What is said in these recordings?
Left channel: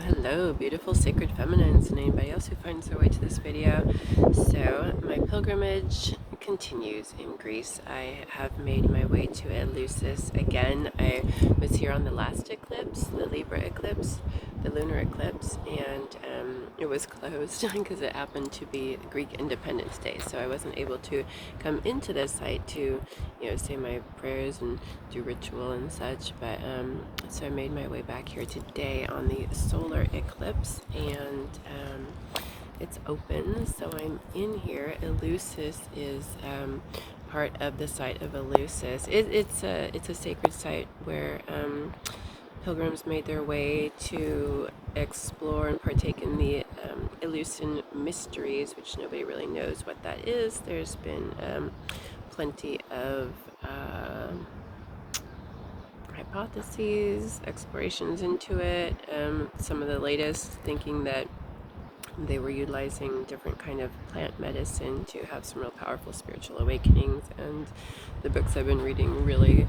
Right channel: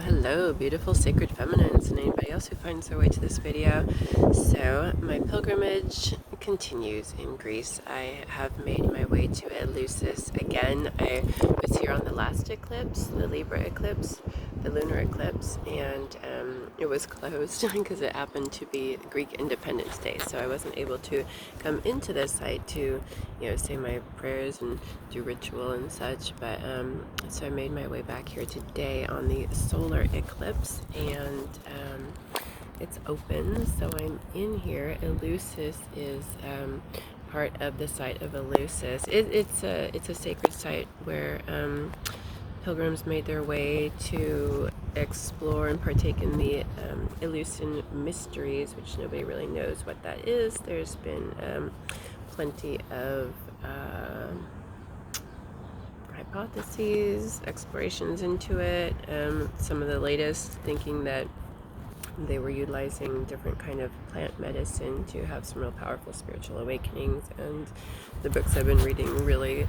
Hello, beautiful sacred feminines and anybody else who finds their way to this video. So my pilgrimage continues in Greece. I have made my way to Eleusis again. I was here on the last eclipse, the Libra eclipse, the lunar eclipse, and it was closed because it happened to be Greek Independence Day, so I wasn't able to come into the site to say my prayers and do ritual and such, but so I made my way back here today on the solar eclipse, and it's open, so I'm in here. Eleusis is part of the site of Eleusis. It's a sacred site where pilgrims made their way to explore and partake in the Eleusinian mysteries, which nobody really knows what that is. There's been plenty of hypotheses, explorations into it. Some of the latest thinking that they were utilizing different kind of plant medicine to have some real powerful spiritual awakenings, and the books I've been reading really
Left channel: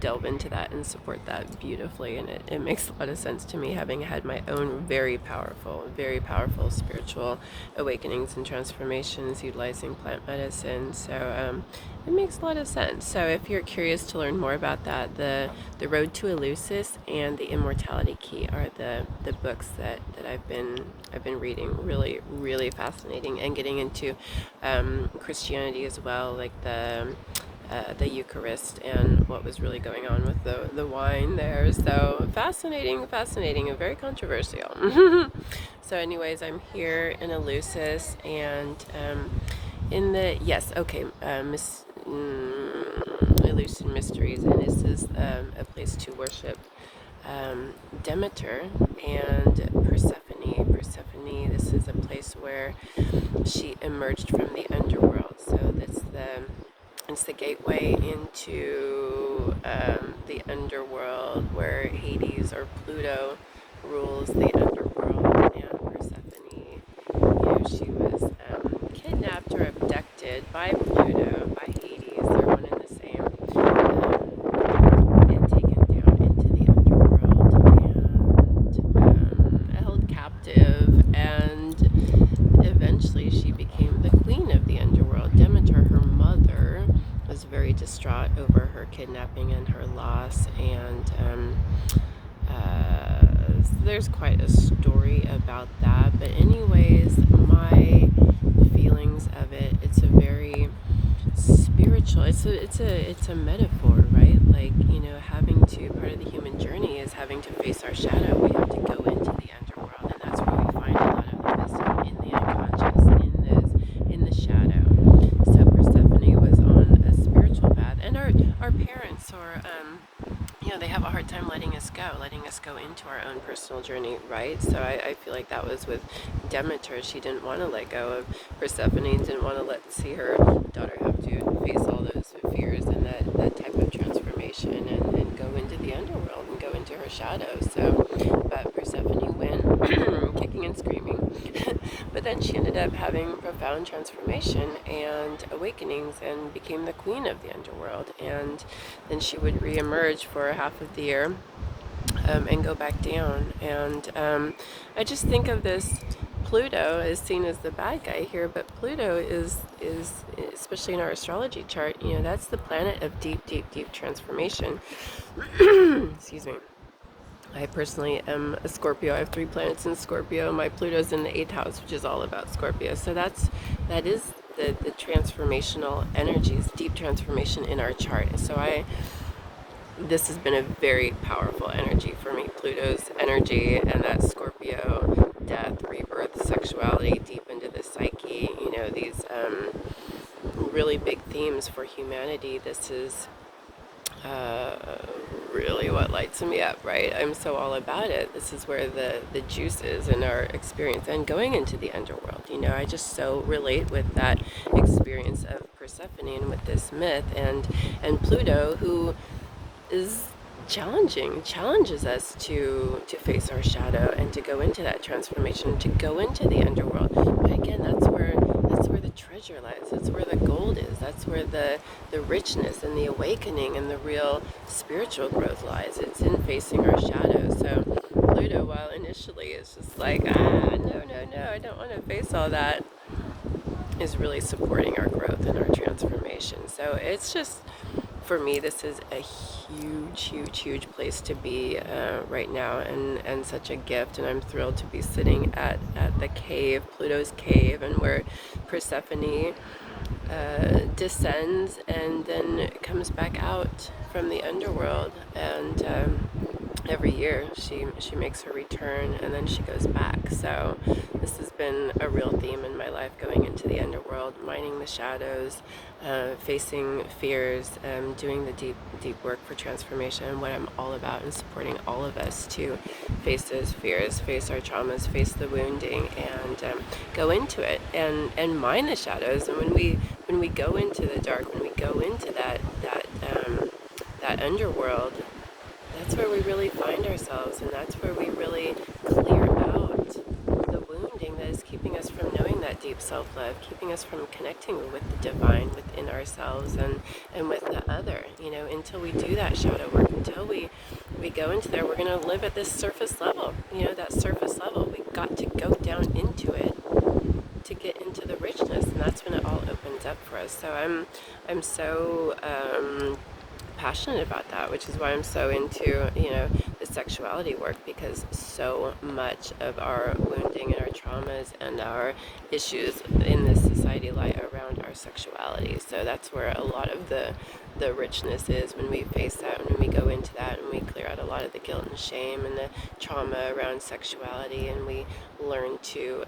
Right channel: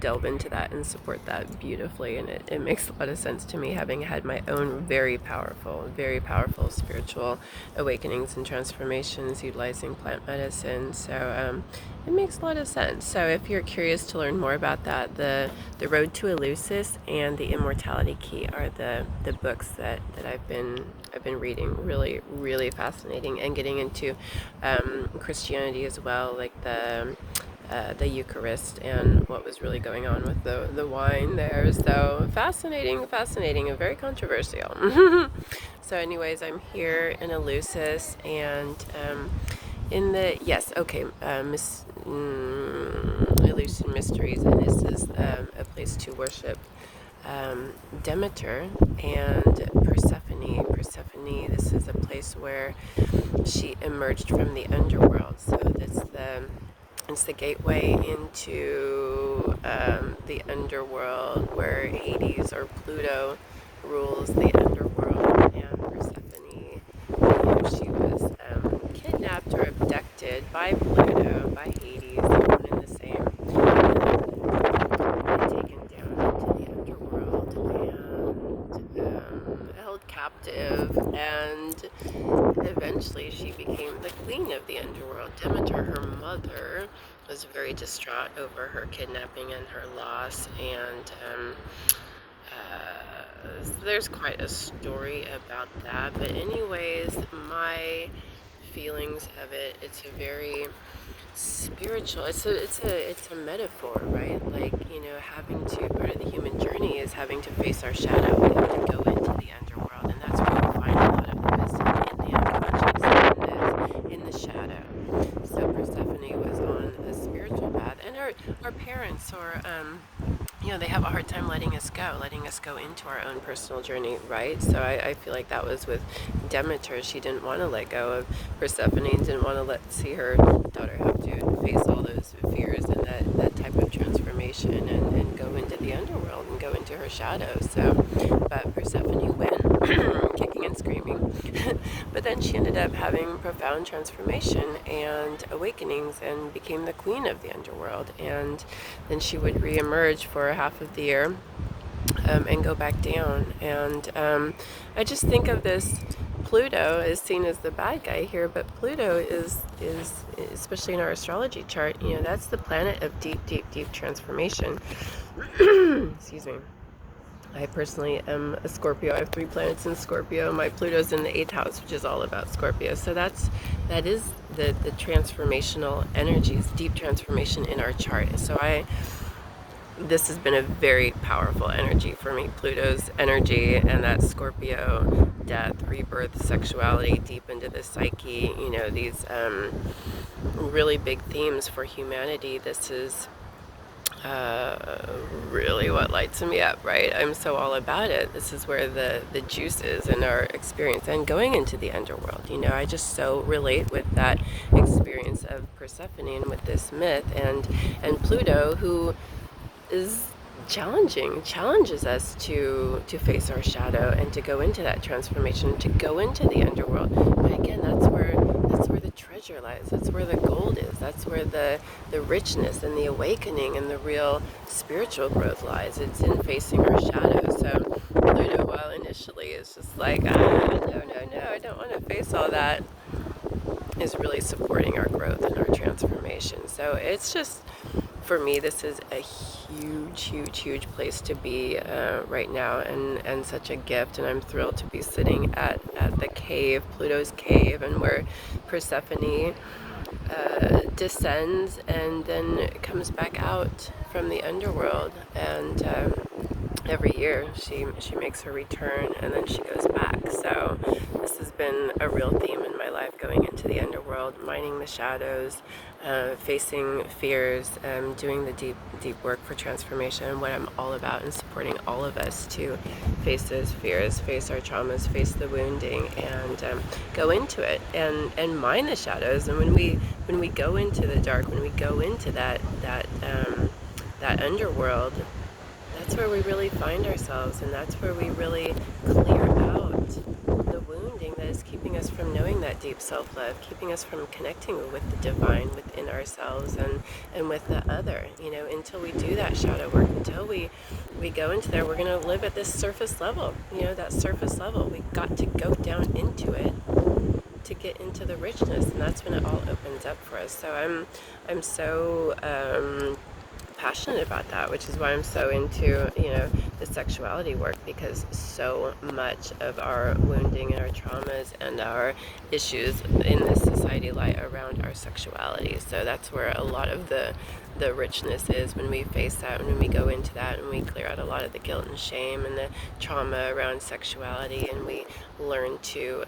delve into that and support that beautifully, and it makes a lot of sense to me, having had my own very powerful spiritual awakenings and transformations utilizing plant medicine. So it makes a lot of sense. So if you're curious to learn more about that, the Road to Eleusis and the Immortality Key are the books that I've been reading. Really fascinating, and getting into Christianity as well, like the Eucharist and what was really going on with the wine there. So fascinating, and very controversial. So anyways, I'm here in Eleusis, and in the Eleusinian mysteries, and this is a place to worship Demeter and Persephone. This is a place where she emerged from the underworld. So it's the gateway into the underworld, where Hades or Pluto rules the underworld, and Persephone, she was kidnapped or abducted by Pluto, by Hades, they're one and the same, and taken down into the underworld and held captive, and eventually she became the queen of the underworld. Demeter, her mother, was very distraught over her kidnapping and her loss, and there's quite a story about that. But anyways, my feelings of it, it's a very spiritual, it's a metaphor, right? Like, having to, part of the human journey is having to face our shadow. We have to go into the underworld, and that's where we find a lot of the wisdom, in the unconscious, in the shadow. So Persephone was on a spiritual path, and our parents, or they have a hard time letting us go into our own personal journey, right? So I feel like that was with Demeter. She didn't want to let go of Persephone, didn't want to see her daughter have to face all those fears and that type of transformation, and go into the underworld and go into her shadow. So, but Persephone went kicking and screaming. But then she ended up having profound transformation and awakenings, and became the queen of the underworld. And then she would re-emerge for half of the year and go back down. And I just think of this, Pluto is seen as the bad guy here, but Pluto is especially in our astrology chart, that's the planet of deep transformation. Excuse me. I personally am a Scorpio. I have 3 planets in Scorpio. My Pluto's in the 8th house, which is all about Scorpio. So that is the transformational energies, deep transformation in our chart. So this has been a very powerful energy for me, Pluto's energy, and that Scorpio, death, rebirth, sexuality, deep into the psyche, these really big themes for humanity. This is really what lights me up, right? I'm so all about it. This is where the juice is in our experience, and going into the underworld. I just so relate with that experience of Persephone and with this myth, and Pluto, who is challenges us to face our shadow and to go into that transformation, to go into the underworld. But again, that's where That's where the treasure lies. That's where the gold is. That's where the richness and the awakening and the real spiritual growth lies. It's in facing our shadows. So Pluto, while initially it's just like, no, I don't want to face all that, is really supporting our growth and our transformation. So it's just, for me, this is a huge place to be right now, and such a gift. And I'm thrilled to be sitting at the cave, Pluto's cave, and where Persephone descends and then comes back out from the underworld. And every year she makes her return, and then she goes back. So this has been a real theme in my life, going into the underworld, mining the shadows, facing fears, doing the deep work for transformation, and what I'm all about, and supporting all of us to face those fears, face our traumas, face the wounding, and go into it and mine the shadows. And when we go into the dark, when we go into that underworld, that's where we really find ourselves, and that's where we really clear out the wounding that is keeping us from knowing that deep self-love, keeping us from connecting with the divine within ourselves and with the other. Until we do that shadow work, until we go into there, we're going to live at this surface level. That surface level, we've got to go down into it to get into the richness, and that's when it all opens up for us. So I'm so passionate about that, which is why I'm so into the sexuality work, because so much of our wounding and our traumas and our issues in this society lie around our sexuality. So that's where a lot of the richness is, when we face that, when we go into that, and we clear out a lot of the guilt and shame and the trauma around sexuality, and we learn to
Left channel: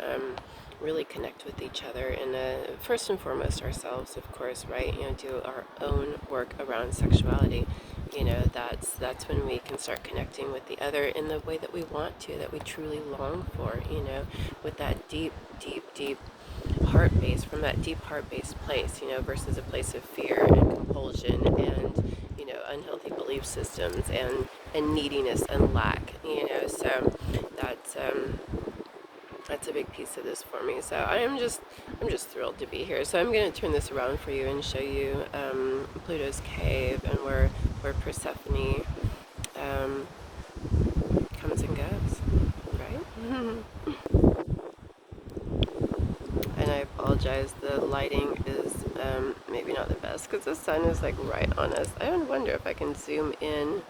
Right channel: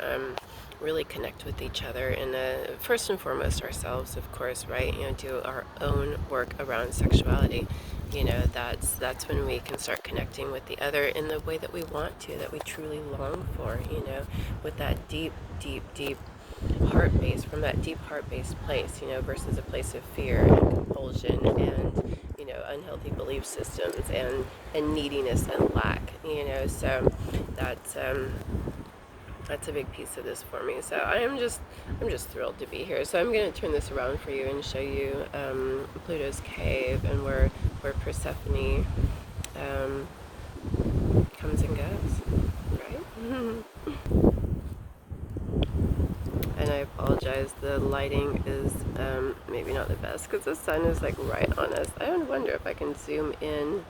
really connect with each other, and first and foremost ourselves, of course, right? Do our own work around sexuality. That's when we can start connecting with the other in the way that we want to, that we truly long for, with that deep heart base, from that deep heart-based place, versus a place of fear and compulsion and unhealthy belief systems and neediness and lack. So that's a big piece of this for me. So I'm just thrilled to be here. So I'm going to turn this around for you and show you Pluto's cave, and where Persephone comes and goes, right? And I apologize, the lighting is maybe not the best, because the sun is like right on us. I wonder if I can zoom in.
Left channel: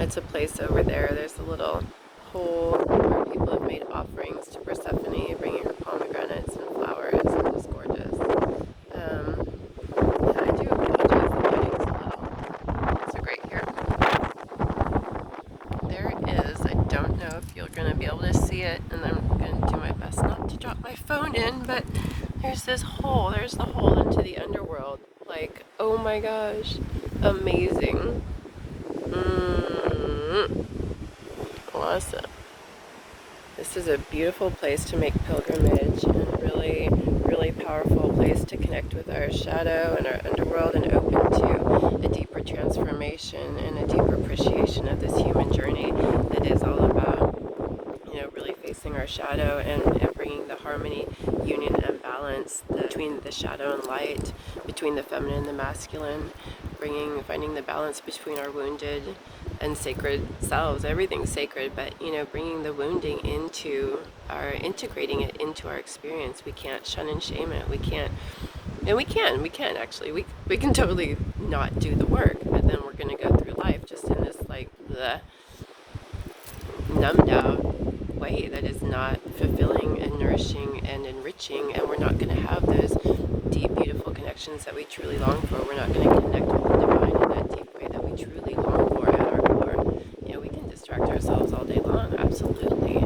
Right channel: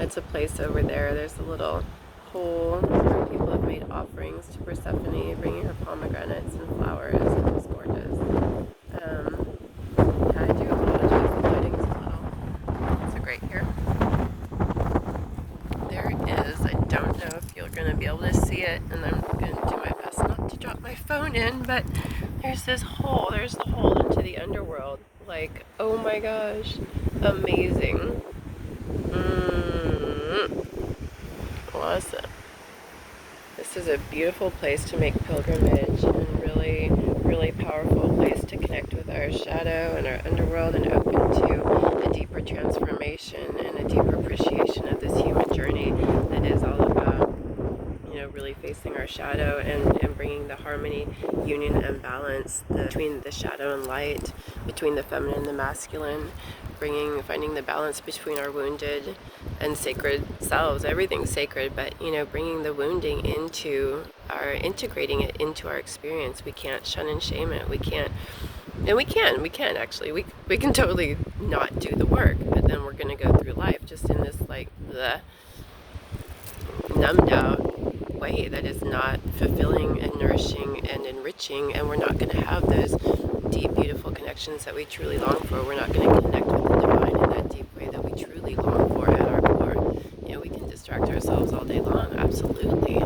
It's a place over there. There's a little hole where people have made offerings to Persephone, bringing her pomegranates and flowers, and it's gorgeous. Yeah, I do apologize, the lighting is a little, so great here. There it is. I don't know if you're going to be able to see it, and I'm going to do my best not to drop my phone in, but there's this hole. There's the hole into the underworld. Like, oh my gosh, amazing. Awesome. This is a beautiful place to make pilgrimage, and a really powerful place to connect with our shadow and our underworld, and open to a deeper transformation and a deeper appreciation of this human journey that is all about really facing our shadow and bringing the harmony, union, and balance between the shadow and light, between the feminine and the masculine, finding the balance between our wounded and sacred selves. Everything's sacred, but bringing the wounding integrating it into our experience. We can't shun and shame it. We can actually. We can totally not do the work, but then we're going to go through life just in this the numbed out way that is not fulfilling and nourishing and enriching, and we're not going to have those deep, beautiful connections that we truly long for. We're not going to connect with the divine in that deep way that we truly long for at our core. We can distract ourselves all day long. Absolutely.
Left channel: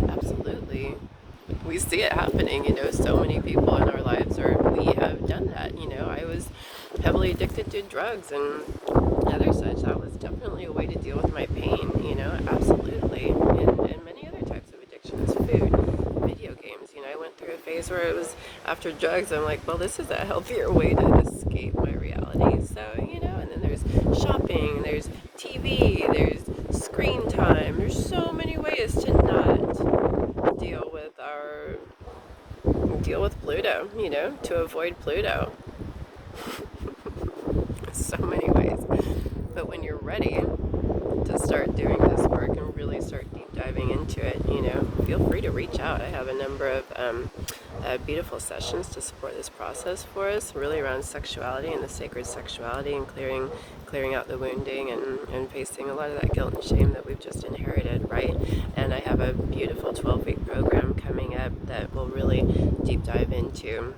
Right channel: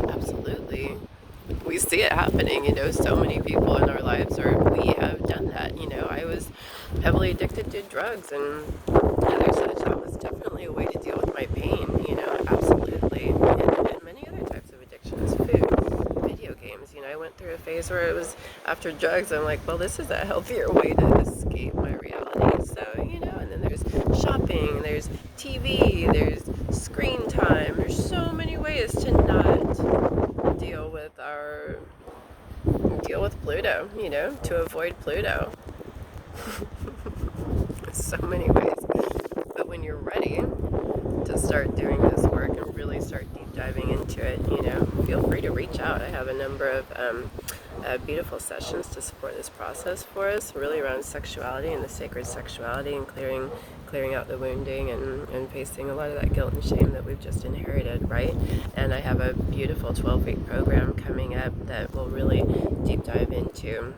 We see it happening, so many people in our lives, or we have done that. I was heavily addicted to drugs and other such. That was definitely a way to deal with my pain, absolutely. And many other types of addictions, food, video games. I went through a phase where it was after drugs, I'm like, well, this is a healthier way to escape my reality. So, and then there's shopping, there's TV, there's screen time. There's so many ways to not deal with Pluto, to avoid Pluto. So many ways. But when you're ready to start doing this work and really start deep diving into it, feel free to reach out. I have a number of beautiful sessions to support this process for us, really around sexuality and the sacred sexuality, and clearing out the wounding and facing a lot of that guilt and shame that we've just inherited, right? And I have a beautiful 12-week program coming up that will really deep dive into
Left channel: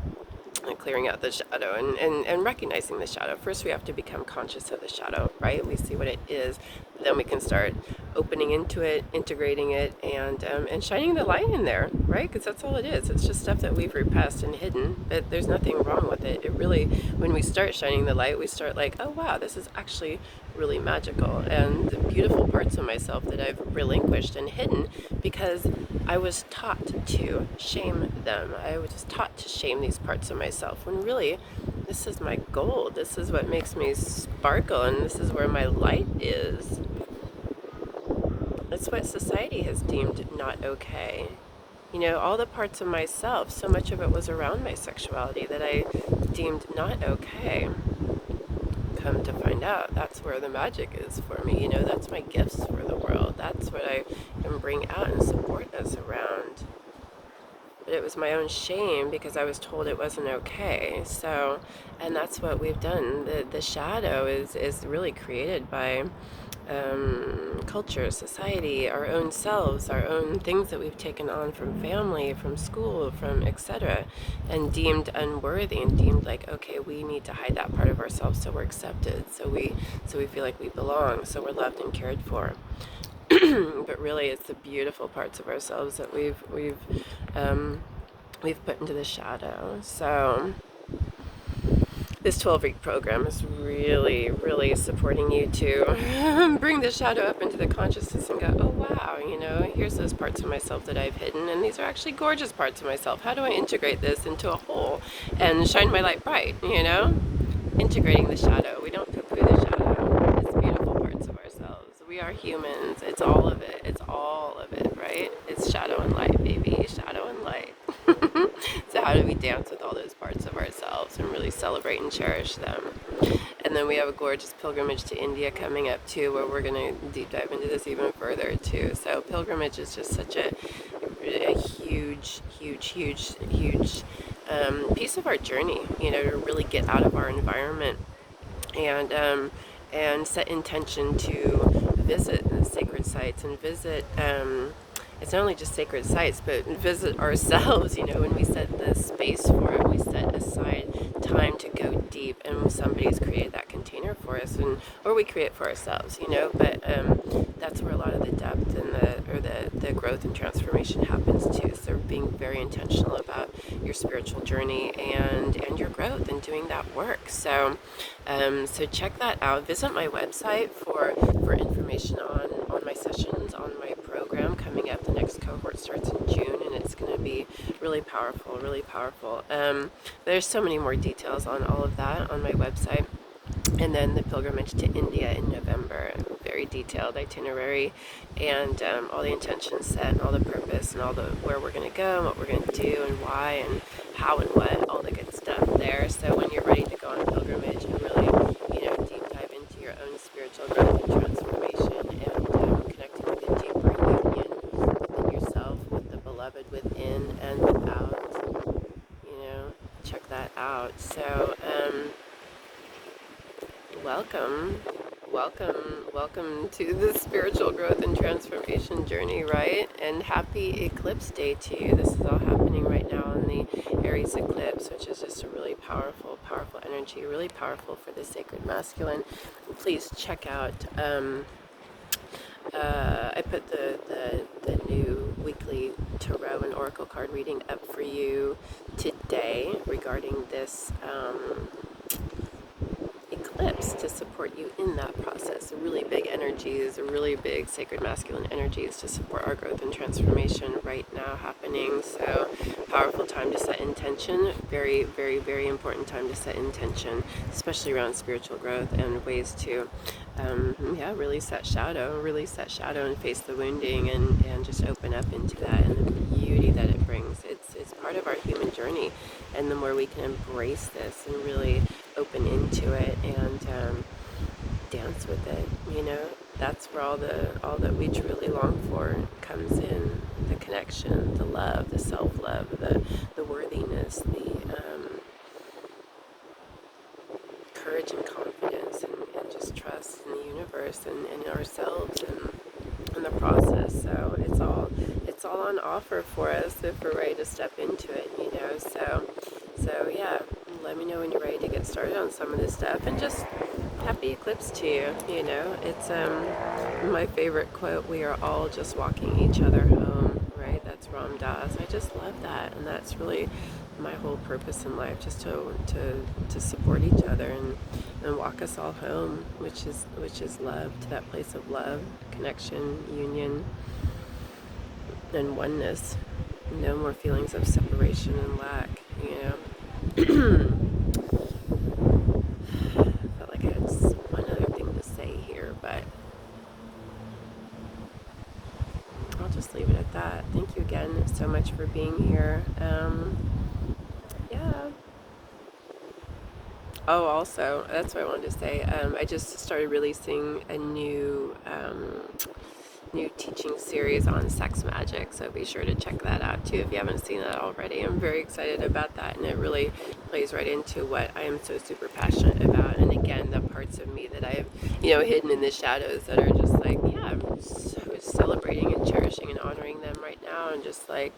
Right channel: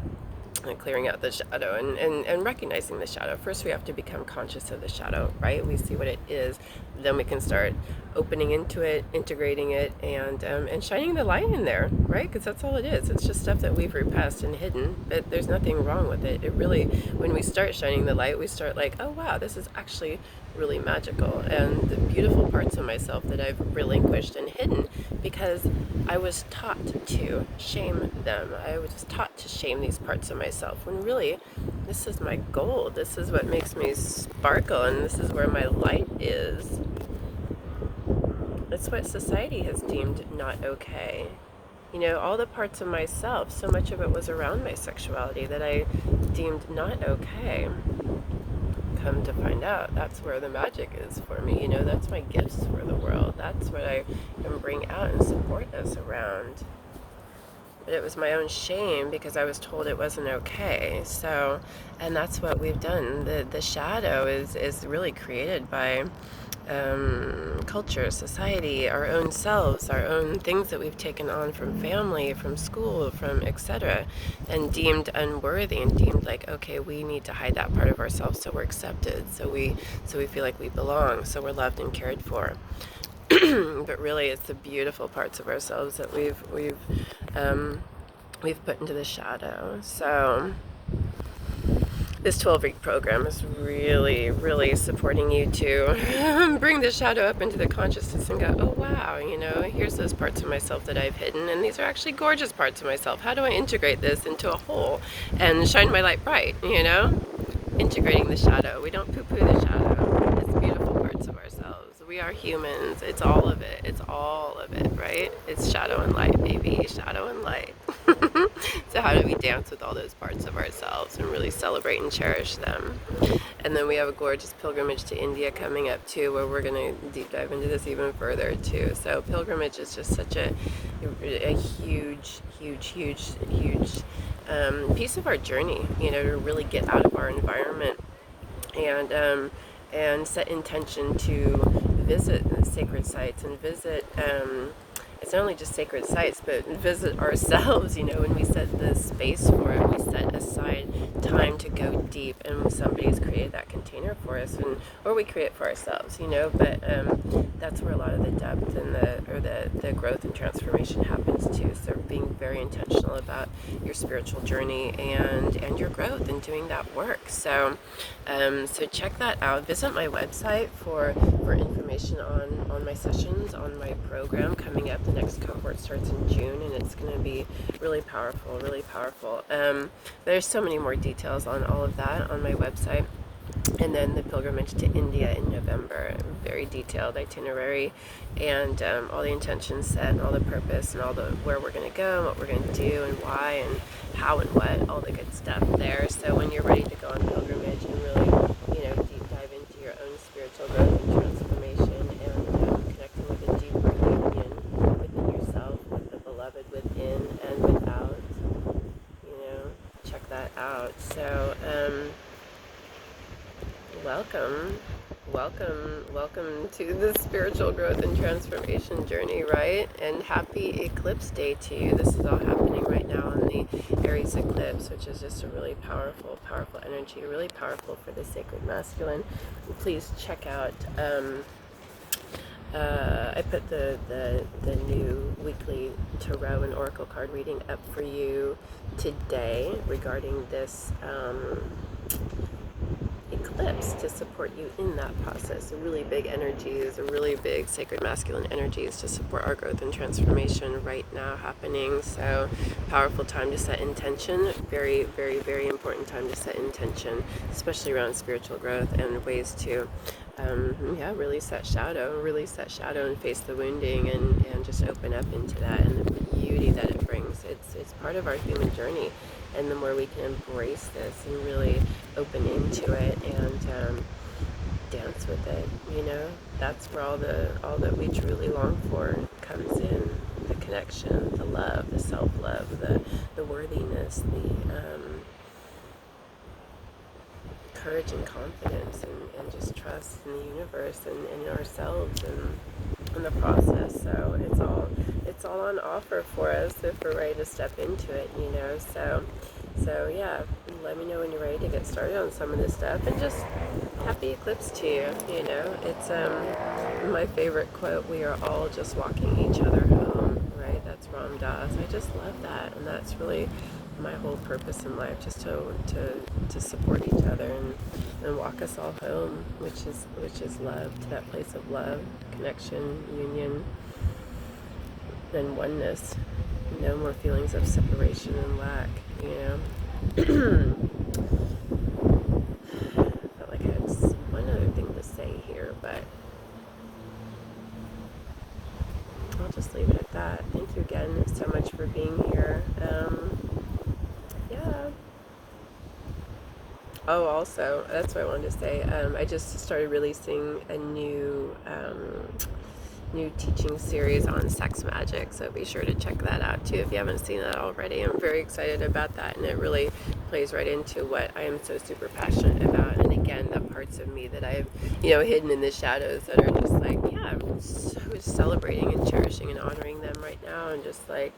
clearing out the shadow and recognizing the shadow. First, we have to become conscious of the shadow, right? We see what it is, then we can start opening into it, integrating it, and shining the light in there, right? Because that's all it is. It's just stuff that we've repressed and hidden, but there's nothing wrong with it. It really, when we start shining the light, we start like, oh wow, this is actually really magical, and the beautiful parts of myself that I've relinquished and hidden because I was taught to shame them. I was taught to shame these parts of myself, when really this is my gold. This is what makes me sparkle, and this is where my light is. That's what society has deemed not okay. All the parts of myself, so much of it was around my sexuality that I deemed not okay. Come to find out, that's where the magic is for me. That's my gifts for the world. That's what I can bring out and support us around. But it was my own shame because I was told it wasn't okay. So, and that's what we've done. The shadow is really created by culture, society, our own selves, our own things that we've taken on from family, from school, from etc., and deemed unworthy, and deemed like, okay, we need to hide that part of ourselves so we're accepted, so we feel like we belong, so we're loved and cared for. But really, it's the beautiful parts of ourselves that we've put into the shadow. So this 12-week program is really, really supporting you to bring the shadow up into the consciousness and go, oh wow, here's those parts of myself that I've hidden, and these are actually gorgeous parts of myself. How do I integrate this into a whole and shine my light bright, Integrating the shadow. We don't poo-poo the shadow. It's beautiful parts of ourselves. We are humans. It's all of it. It's all of it, right? It's shadow and light, baby. Shadow and light. So how do we dance with all those parts of ourselves and really celebrate and cherish them? And then we have a gorgeous pilgrimage to India coming up too, where we're going to deep dive into this even further too. So pilgrimage is just such a huge piece of our journey, to really get out of our environment and set intention to visit the sacred sites and visit. It's not only just sacred sites, but visit ourselves, when we set the space for it, we set aside time to go deep, and somebody's created that container for us, or we create for ourselves, but that's where a lot of the depth and the growth and transformation happens too. So being very intentional about your spiritual journey and your growth and doing that work. So check that out. Visit my website for information on my sessions, on my program coming up. The next cohort starts in June, and it's going to be really powerful, really powerful. There's so many more details on all of that on my website. And then the pilgrimage to India in November, very detailed itinerary, and all the intentions set, and all the purpose, and all the where we're going to go, and what we're going to do, and why, and how, and what, all the good stuff there. So when you're ready to go on a pilgrimage and really, deep dive into your own spiritual growth and transformation, and connecting with a deeper union within yourself, with the beloved within and without, check that out. So welcome to the spiritual growth and transformation journey, right? And happy eclipse day to you. This is all happening right now in the Aries eclipse, which is just a really powerful energy, really powerful for the sacred masculine. And please check out I put the new weekly tarot and oracle card reading up for you today regarding this eclipse to support you in that process. Really big energies, really big sacred masculine energies to support our growth and transformation right now happening. So powerful time to set intention. Very, very, very important time to set intention, especially around spiritual growth and ways to yeah, release that shadow and face the wounding, and just open up into that and the beauty that it brings. It's part of our human journey, and the more we can embrace this and really open into it and dance with it, that's where all that we truly long for comes in: the connection, the love, the self-love, the worthiness, the courage and confidence, and just trust in the universe and in ourselves and in the process. So it's all on offer for us if we're ready to step into it, so yeah, let me know when you're ready to get started on some of this stuff, and just happy eclipse to you. It's my favorite quote: we are all just walking each other home, right? That's Ram Dass. I just love that, and that's really my whole purpose in life, just to support each other and walk us all home, which is love, to that place of love, connection, union, and oneness. No more feelings of separation and lack, I felt like I had one other thing to say here, but I'll just leave it at that. Thank you again so much for being here. Yeah. Oh, also, that's what I wanted to say. I just started releasing a new teaching series on sex magic, so be sure to check that out too if you haven't seen that already. I'm very excited about that, and it really plays right into what I am so super passionate about. And again, the parts of me that I've hidden in the shadows that are just like, yeah, I'm so celebrating and cherishing and honoring them right now, and just like,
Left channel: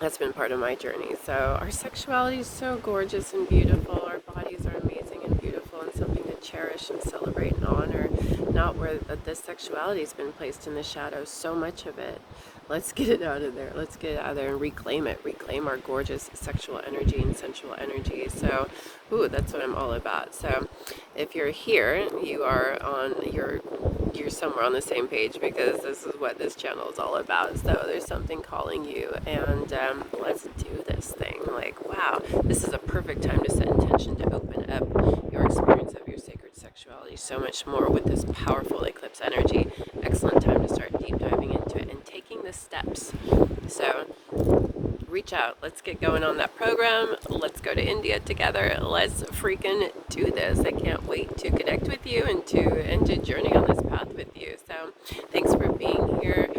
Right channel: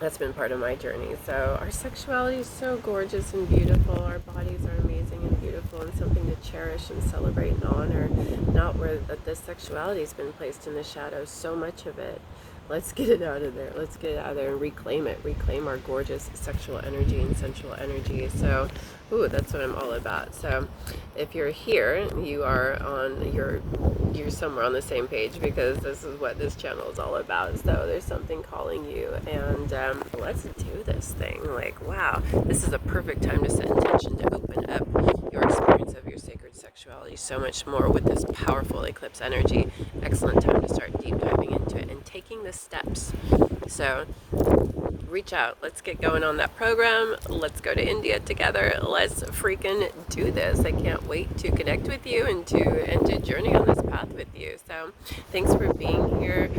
that's been part of my journey. So our sexuality is so gorgeous and beautiful. Our bodies are amazing and beautiful, and something to cherish and celebrate and honor. Not where this sexuality has been placed in the shadows, so much of it. Let's get it out of there. Let's get it out of there and reclaim it. Reclaim our gorgeous sexual energy and sensual energy. So, that's what I'm all about. So, if you're here, you're somewhere on the same page, because this is what this channel is all about. So there's something calling you, and let's do this thing. Like, wow, this is a perfect time to set intention to open up your experience of your sacred sexuality so much more with this powerful eclipse energy. Excellent time to start deep diving into it and taking the steps. So reach out. Let's get going on that program. Let's go to India together. Let's freaking do this. I can't wait to connect with you and to journey on this path with you. So thanks for being here.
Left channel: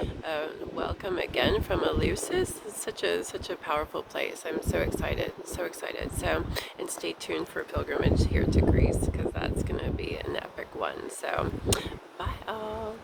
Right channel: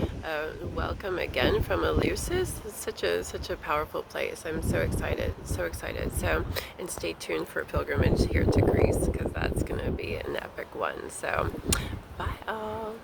Welcome again from Eleusis. It's such a powerful place. I'm so excited. So excited. So, and stay tuned for a pilgrimage here to Greece, because that's going to be an epic one. So bye all.